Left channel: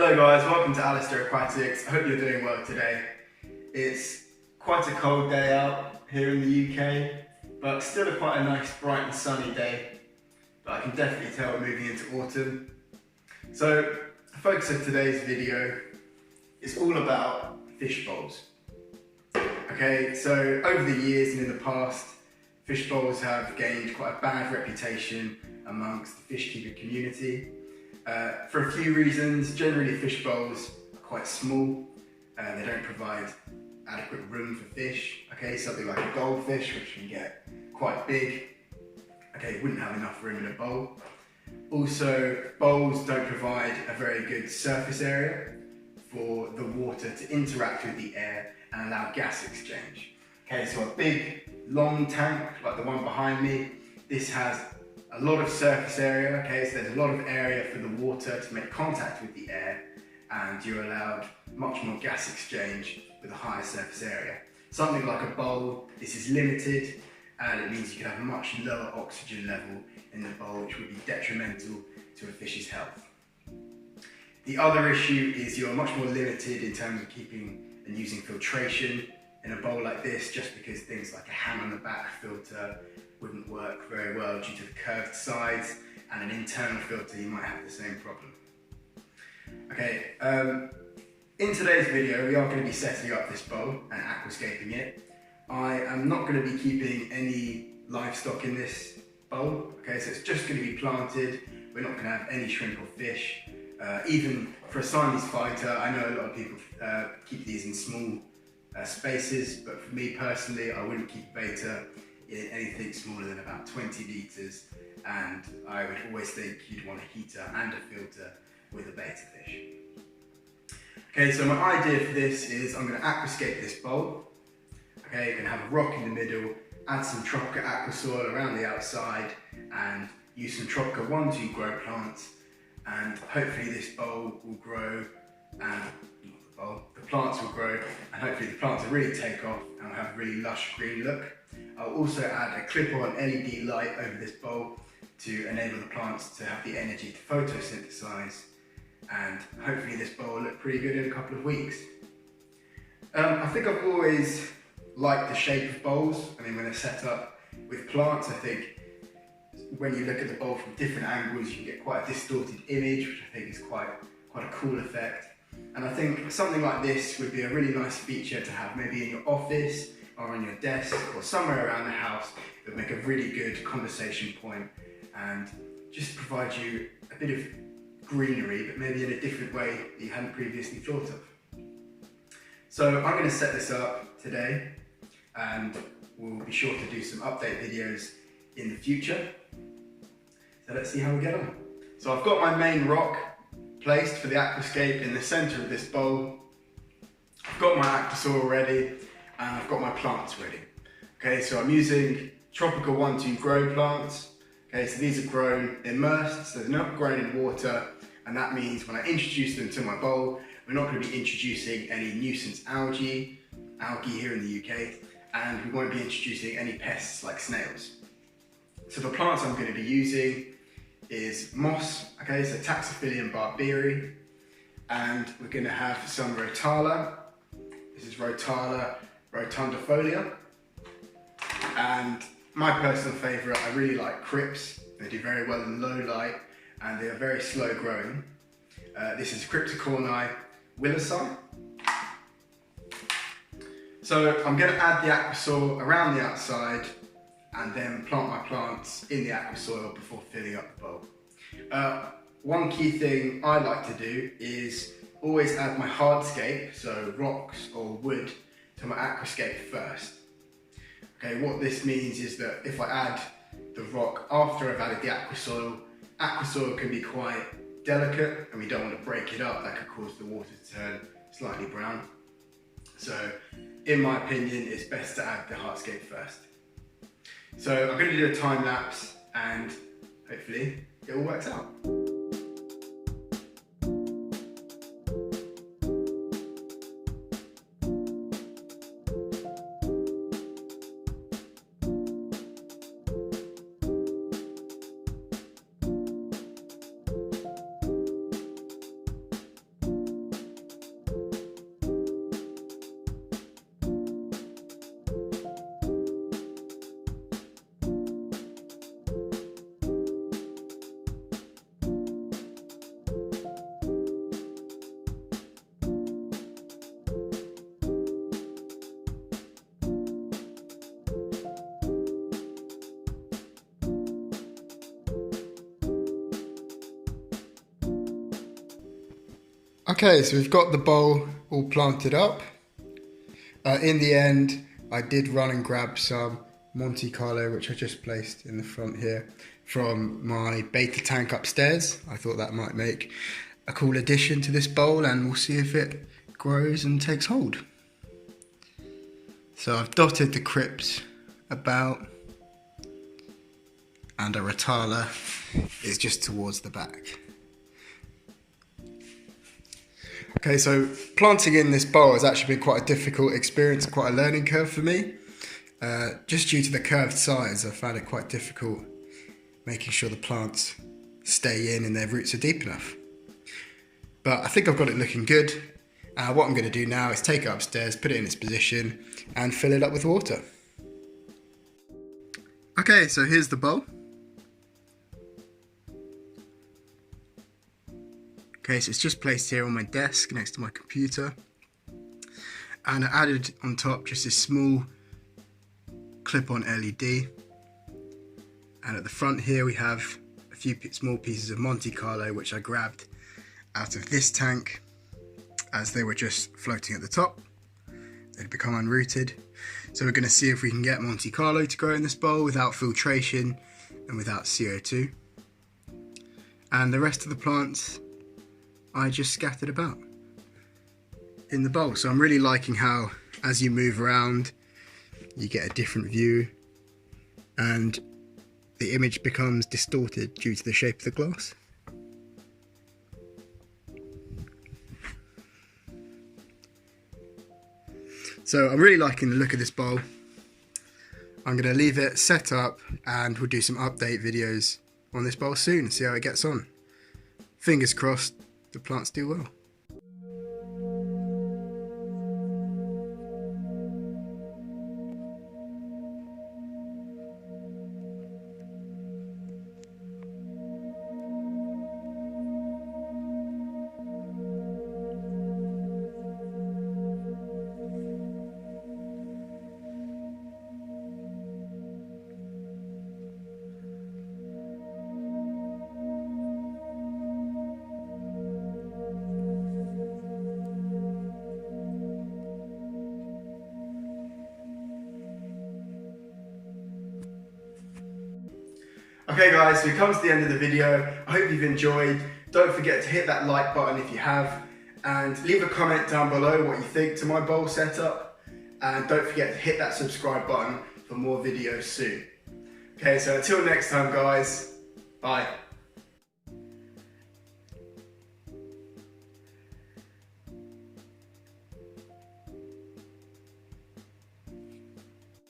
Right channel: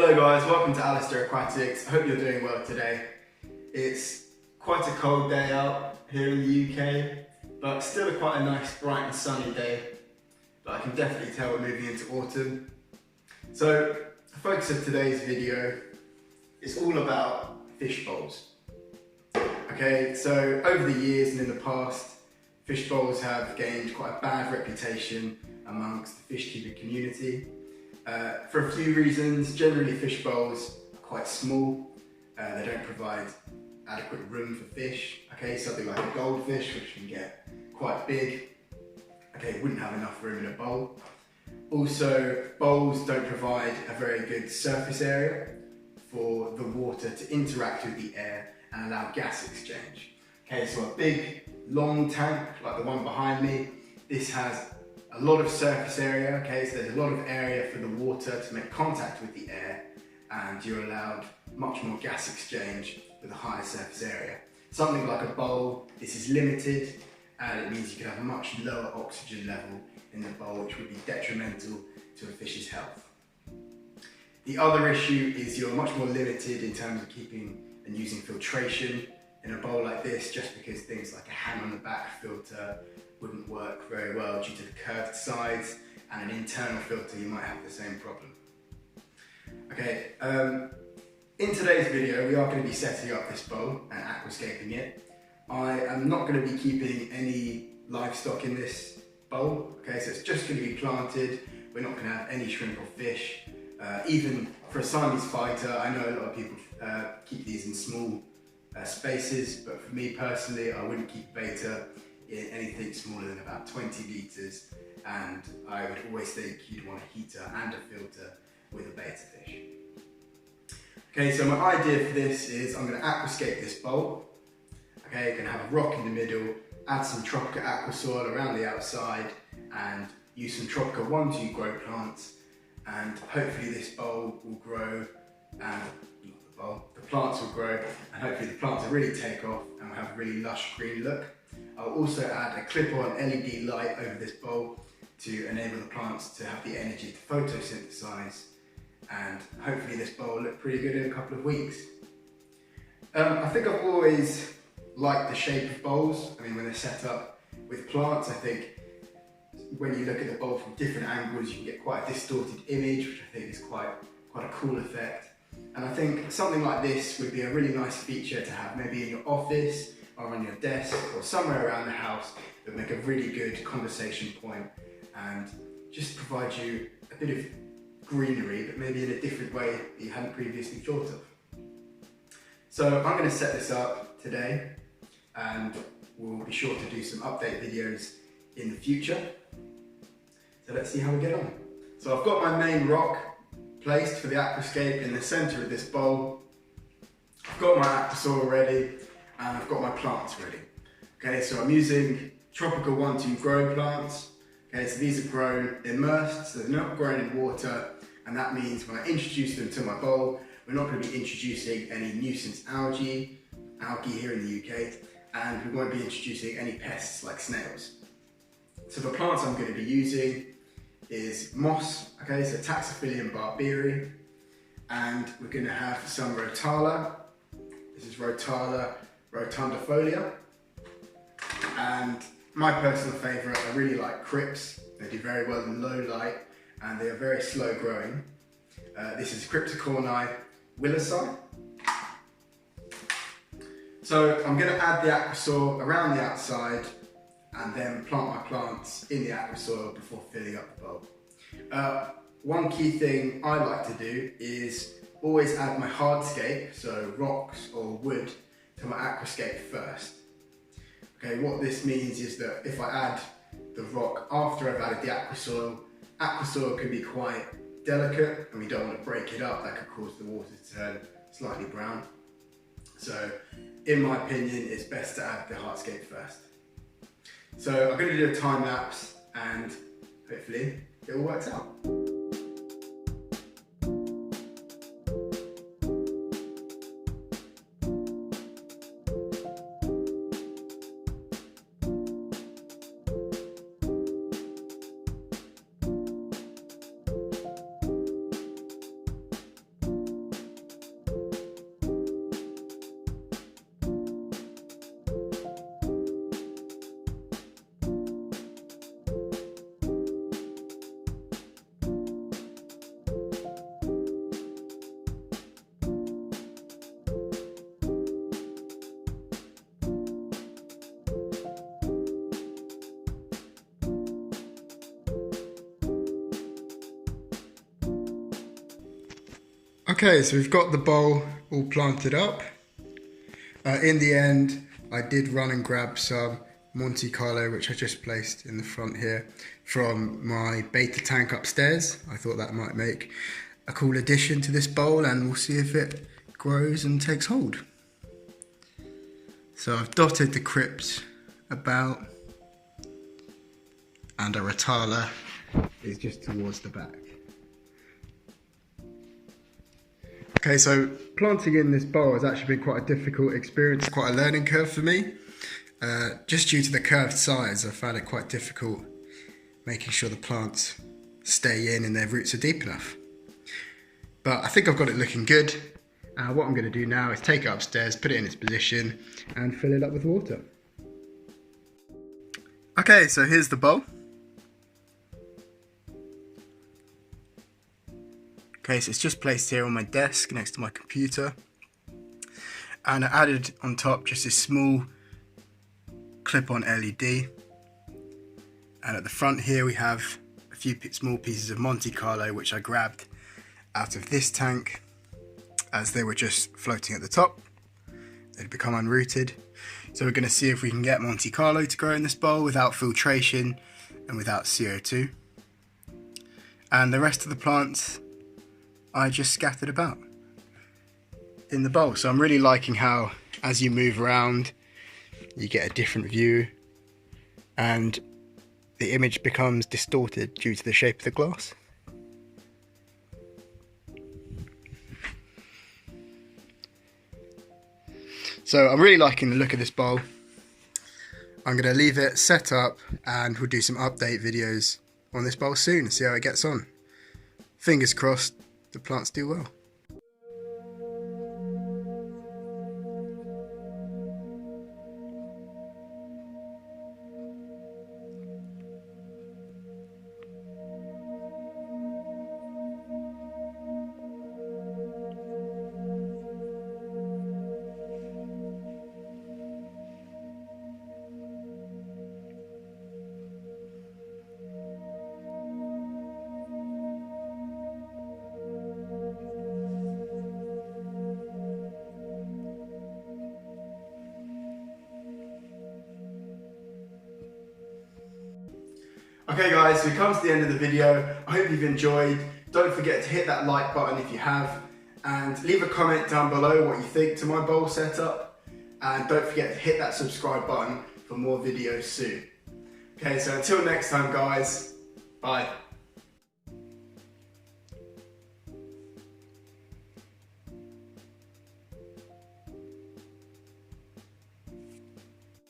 Hello guys, welcome to Alasdairaquatics. I hope you're doing well today. It's quite a cold day out here in the UK, but still quite a nice, bright and sunny day. But I can definitely tell we're moving into autumn. So the focus of today's video is all about fish bowls. Okay, so over the years and in the past, fish bowls have gained quite a bad reputation amongst the fish keeping community. For a few reasons. Generally fish bowls are quite small, they don't provide adequate room for fish. Okay, something like a goldfish, which can get quite big, okay, wouldn't have enough room in a bowl. Also, bowls don't provide a very good surface area for the water to interact with the air and allow gas exchange. Okay, so a big long tank like the one behind me, this has a lot of surface area, okay, so there's a lot of area for the water to make contact with the air, and you're allowed much more gas exchange with a higher surface area. Something like a bowl, this is limited, and it means you can have a much lower oxygen level in the bowl, which would be detrimental to a fish's health. The other issue is you're much more limited in terms of keeping and using filtration in a bowl like this, just because things like a hang on the back filter wouldn't work very well due to the curved sides, and an internal filter you might have the same problem. Okay, in today's video we are going to be setting up this bowl and aquascaping it. I am not going to be keeping any livestock in this bowl, okay, so it's just going to be planted. We're not going to have any shrimp or fish. Even for a Siamese fighter, I know a lot of people keep these in small spaces, but for me personally, I wouldn't keep beta in anything smaller than about 20 litres, and I would always think you'd want a heater and a filter with a beta fish. Okay, so my idea for this is I'm going to aquascape this bowl. Okay, you're going to have a rock in the middle, add some Tropica aqua soil around the outside, and use some Tropica 1-2 grow plants, and hopefully this bowl will grow, and the plants will grow, and hopefully the plants will really take off and will have a really lush green look. I'll also add a clip-on LED light over this bowl to enable the plants to have the energy to photosynthesize, and hopefully this bowl will look pretty good in a couple of weeks. I think I've always liked the shape of bowls. I mean, when they're set up with plants, I think when you look at the bowl from different angles, you can get quite a distorted image, which I think is quite a cool effect. And I think something like this would be a really nice feature to have maybe in your office or on your desk or somewhere around the house. It would make a really good conversation point and just provide you a bit of greenery, but maybe in a different way that you hadn't previously thought of. So I'm going to set this up today, and we'll be sure to do some update videos in the future. So let's see how we get on. So I've got my main rock placed for the aquascape in the centre of this bowl. I've got my aqua soil ready, and I've got my plants ready. Okay, so I'm using Tropica 1-2 grow plants. Okay, so these are grown immersed, so they're not grown in water, and that means when I introduce them to my bowl, we're not going to be introducing any nuisance algae here in the UK, and we won't be introducing any pests like snails. So the plants I'm going to be using is moss, okay, so Taxophillium barberry, and we're going to have some rotala. This is Rotala rotundifolia, and my personal favourite, I really like crypts. They do very well in low light, and they are very slow growing. This is Cryptocorni willisii. So I'm going to add the aqua soil around the outside and then plant my plants in the aqua soil before filling up the bowl. One key thing I like to do is always add my hardscape, so rocks or wood, to my aquascape first. Okay, what this means is that if I add the rock after I've added the aqua soil can be quite delicate, and we don't want to break it up. That could cause the water to turn slightly brown. So in my opinion, it's best to add the hardscape first. So I'm going to do a time lapse, and hopefully it all works out. Okay, so we've got the bowl all planted up. In the end, I did run and grab some Monte Carlo, which I just placed in the front here, from my beta tank upstairs. I thought that might make a cool addition to this bowl, and we'll see if it grows and takes hold. So I've dotted the crypt about, and a Rotala is just towards the back. Okay, so planting in this bowl has actually been quite a difficult experience, quite a learning curve for me. Just due to the curved sides, I found it quite difficult making sure the plants stay in and their roots are deep enough. But I think I've got it looking good. What I'm going to do now is take it upstairs, put it in its position and fill it up with water. Okay, so here's the bowl. Okay, so it's just placed here on my desk next to my computer. And I added on top just this small clip-on LED. And at the front here we have a few small pieces of Monte Carlo, which I grabbed out of this tank as they were just floating at the top. They'd become unrooted. So we're going to see if we can get Monte Carlo to grow in this bowl without filtration and without CO2. And the rest of the plants I just scattered about in the bowl. So I'm really liking how as you move around you get a different view and the image becomes distorted due to the shape of the glass. So I'm really liking the look of this bowl. I'm going to leave it set up and we'll do some update videos on this bowl soon and see how it gets on. Fingers crossed the plants do well. Okay guys, so we've come to the end of the video. I hope you've enjoyed. Don't forget to hit that like button if you have, and leave a comment down below what you think to my bowl setup, and don't forget to hit that subscribe button for more videos soon. Okay, so until next time guys, bye.